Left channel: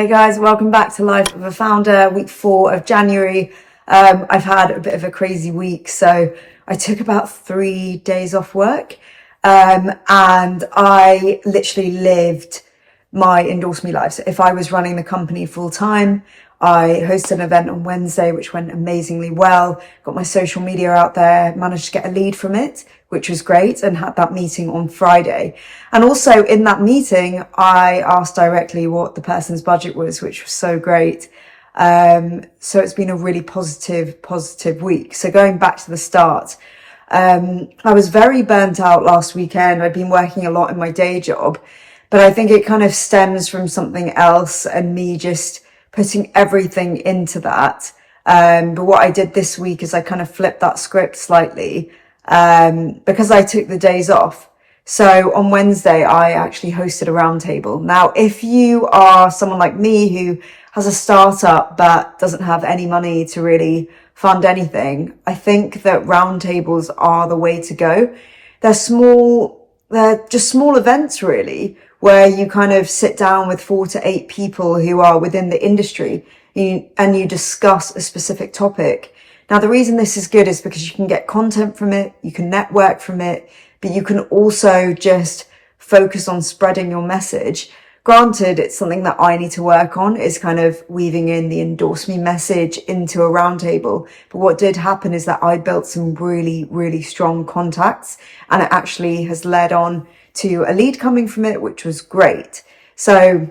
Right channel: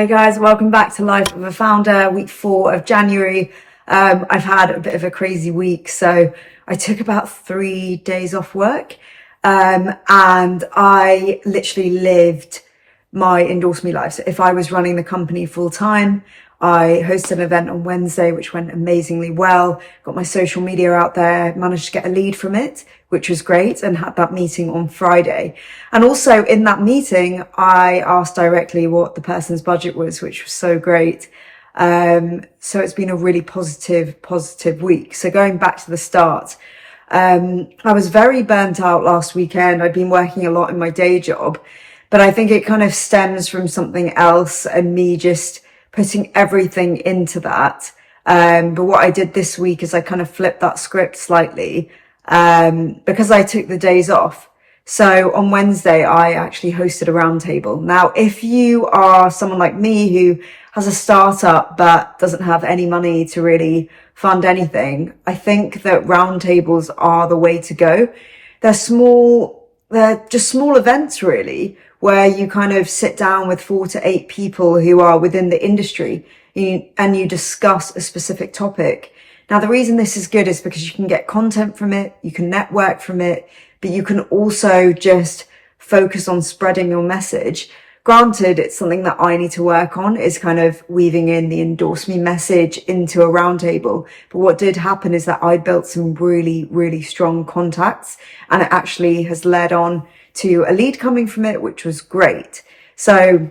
Hey guys, welcome back to Life of a Founder, week 4 of January. I've had a bit of a crazy week, so I took about 3 days off work, and I literally lived my Endorse Me life. So if I was running the company full time, I hosted an event on Wednesday, which went amazingly well, got my social media out there, managed to get a lead from it, which was great, and had that meeting on Friday. And also in that meeting, I asked directly what the person's budget was, which was so great. So it's been a really positive week. So going back to the start, I was very burnt out last weekend. I'd been working a lot in my day job, but I think it kind of stems from something else and me just putting everything into that. But what I did this week is I kind of flipped that script slightly, because I took the days off. So on Wednesday, I actually hosted a roundtable. Now, if you are someone like me who has a startup but doesn't have any money to really fund anything, I think that roundtables are the way to go. They're just small events really, where you kind of sit down with 4 to 8 people who are within the industry and you discuss a specific topic. Now, the reason this is good is because you can get content from it, you can network from it, but you can also just focus on spreading your message. Granted, it's something that I need to work on, is kind of weaving in the Endorse Me message into a roundtable. But what did happen is that I built some really, really strong contacts, and it actually has led on to a lead coming from it, which was great. So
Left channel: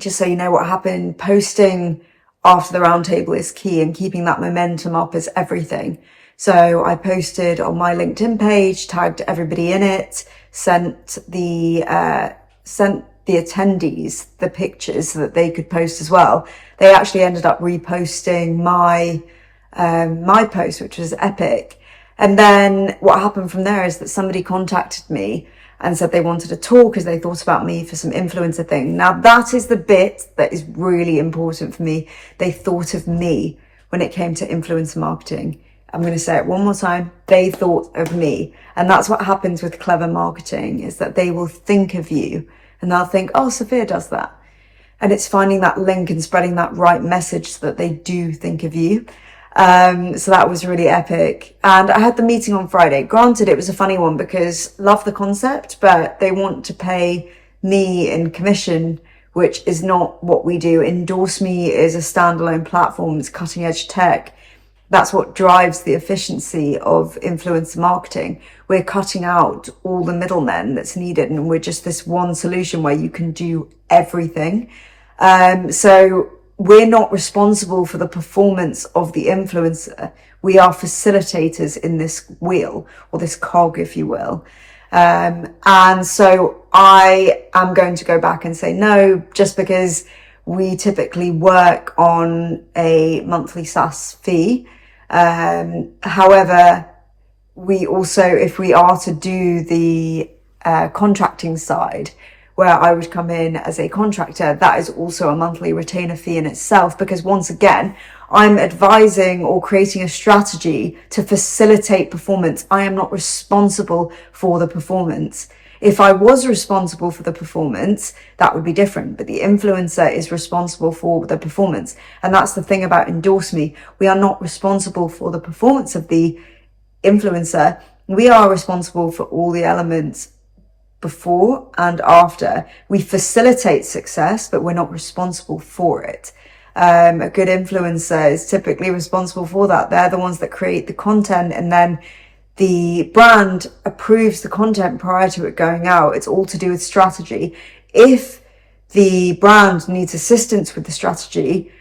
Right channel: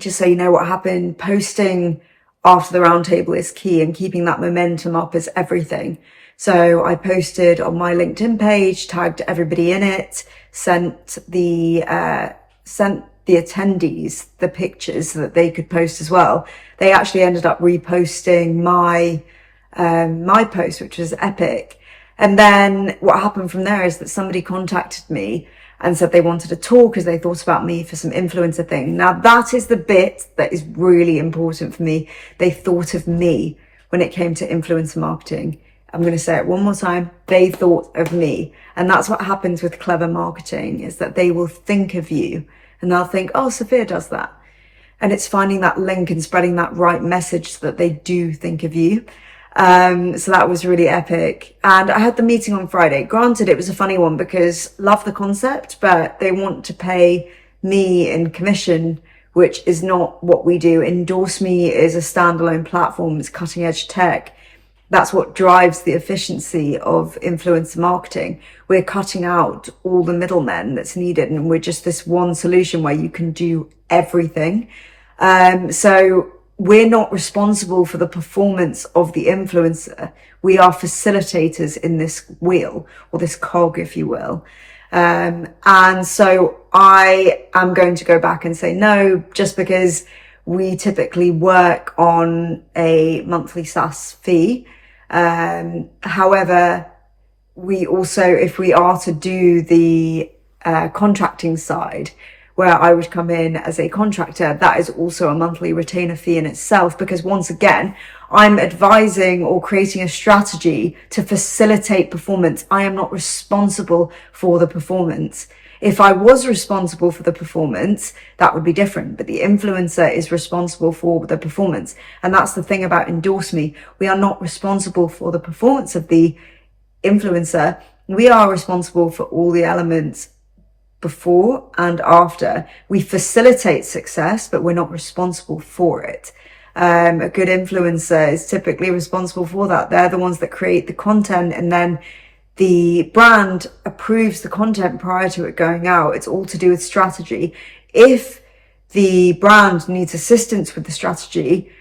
just so you know what happened, posting after the roundtable is key, and keeping that momentum up is everything. So I posted on my LinkedIn page, tagged everybody in it, sent the attendees the pictures so that they could post as well. They actually ended up reposting my post, which was epic. And then what happened from there is that somebody contacted me and said they wanted to talk as they thought about me for some influencer thing. Now that is the bit that is really important for me. They thought of me when it came to influencer marketing. I'm going to say it one more time. They thought of me. And that's what happens with clever marketing, is that they will think of you and they'll think, oh, Sophia does that. And it's finding that link and spreading that right message so that they do think of you. So that was really epic. And I had the meeting on Friday. Granted, it was a funny one because love the concept, but they want to pay me in commission, which is not what we do. Endorse Me is a standalone platform. It's cutting edge tech. That's what drives the efficiency of influencer marketing. We're cutting out all the middlemen that's needed, and we're just this one solution where you can do everything. So we're not responsible for the performance of the influencer. We are facilitators in this wheel, or this cog, if you will. And so I am going to go back and say no, just because we typically work on a monthly SaaS fee. However, we also, if we are to do the contracting side, where I would come in as a contractor, that is also a monthly retainer fee in itself, because once again, I'm advising or creating a strategy to facilitate performance. I am not responsible for the performance. If I was responsible for the performance, that would be different, but the influencer is responsible for the performance. And that's the thing about Endorse Me. We are not responsible for the performance of the influencer. We are responsible for all the elements before and after. We facilitate success, but we're not responsible for it. A good influencer is typically responsible for that. They're the ones that create the content, and then the brand approves the content prior to it going out. It's all to do with strategy. If the brand needs assistance with the strategy,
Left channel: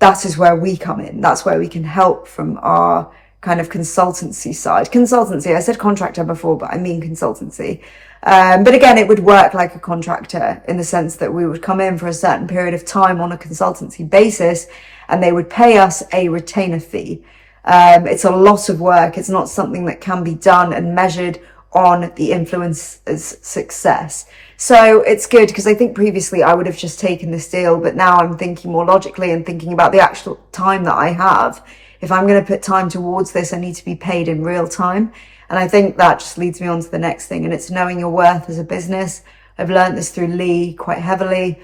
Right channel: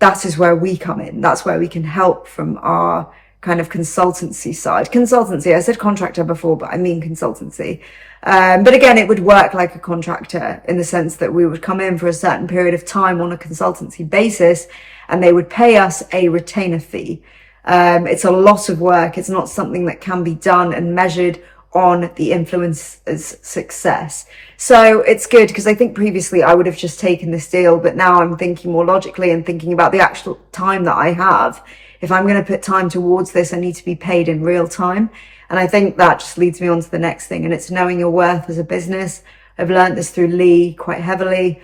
that is where we come in. That's where we can help from our kind of consultancy side. Consultancy, I said contractor before, but I mean consultancy. But again, it would work like a contractor in the sense that we would come in for a certain period of time on a consultancy basis, and they would pay us a retainer fee. It's a lot of work. It's not something that can be done and measured on the influencer's success. So it's good, because I think previously I would have just taken this deal, but now I'm thinking more logically and thinking about the actual time that I have. If I'm going to put time towards this, I need to be paid in real time. And I think that just leads me on to the next thing, and it's knowing your worth as a business. I've learned this through Lee quite heavily.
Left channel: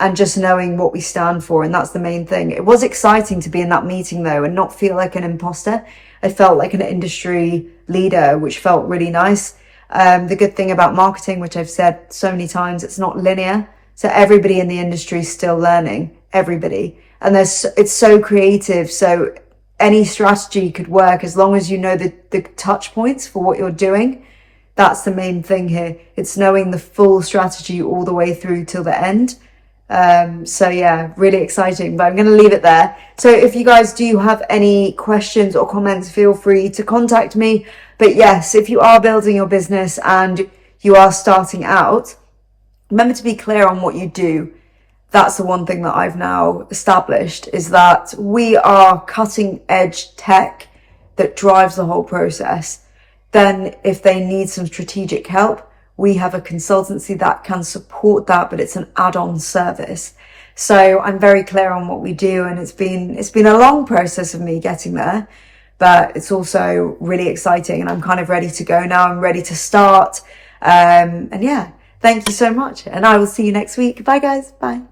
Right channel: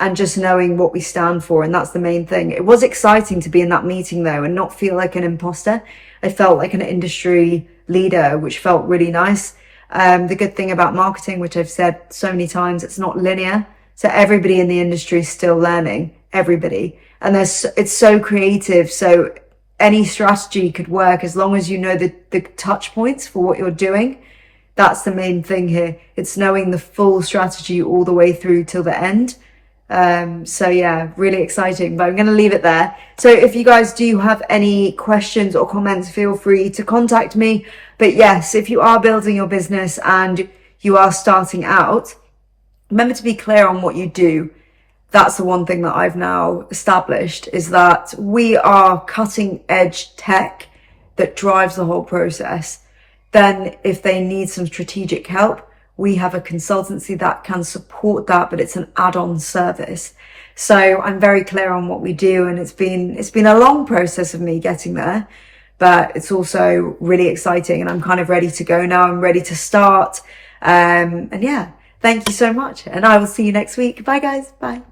and just knowing what we stand for. And that's the main thing. It was exciting to be in that meeting though and not feel like an imposter. I felt like an industry leader, which felt really nice. The good thing about marketing, which I've said so many times, it's not linear. So everybody in the industry is still learning, everybody. And it's so creative. So any strategy could work as long as you know the touch points for what you're doing. That's the main thing here. It's knowing the full strategy all the way through till the end. So yeah, really exciting, but I'm going to leave it there. So if you guys do have any questions or comments, feel free to contact me. But yes, if you are building your business and you are starting out, remember to be clear on what you do. That's the one thing that I've now established, is that we are cutting edge tech that drives the whole process. Then if they need some strategic help, we have a consultancy that can support that, but it's an add-on service. So I'm very clear on what we do, and it's been a long process of me getting there, but it's also really exciting, and I'm kind of ready to go now. I'm ready to start. And yeah, thank you so much, and I will see you next week. Bye guys. Bye.